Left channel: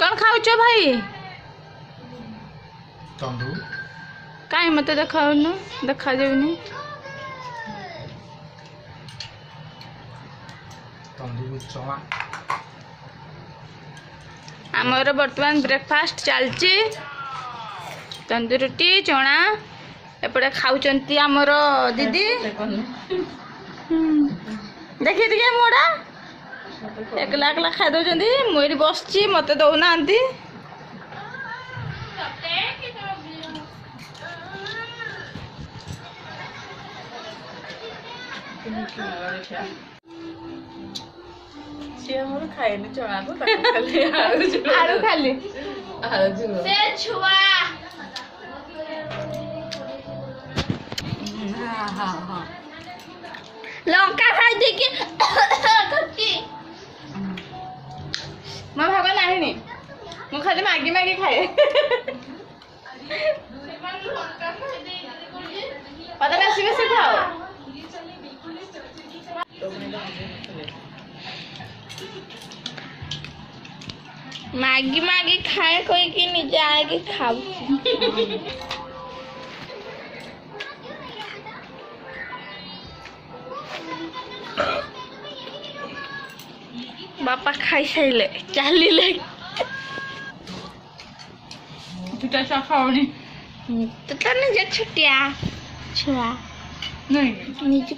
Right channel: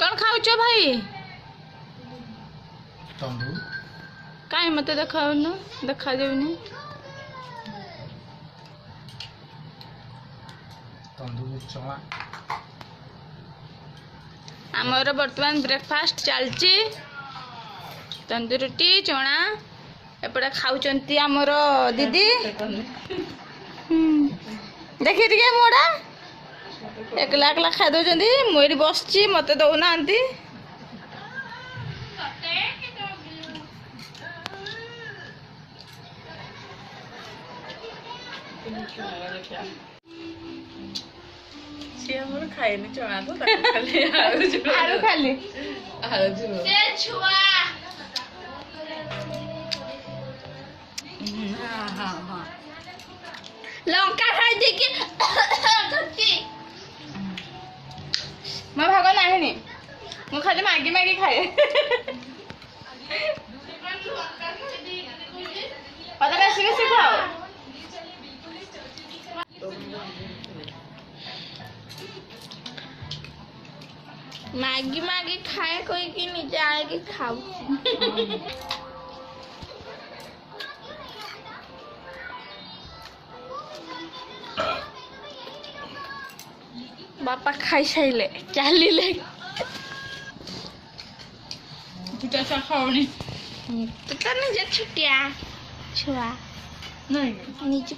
कौन खाऊच भाई तंदू कहीं मत देखाउन देखा जाऊनी तंदू चना आमर बर्तमान ब्रेकफास्ट चलची तंदूर रोटी चना एपटे खाऊचंती आमर दीदी देखी टे मोड़ा एकला एकला खाई दौरान मुझे बसची मत दौना खाएनि चना तो खाली आलू खाली लंका खाई देखी मैं भाग नहीं मुझे खाली मैगी मैगी खाए पता कैसे कैसे खाओ मैगी मैगी खाए कोई की नीचे आएगी खाओ बापा खाई सारे चलिए दुटा खाओनी तो निजे छुट्टिया छुआ नहीं निजे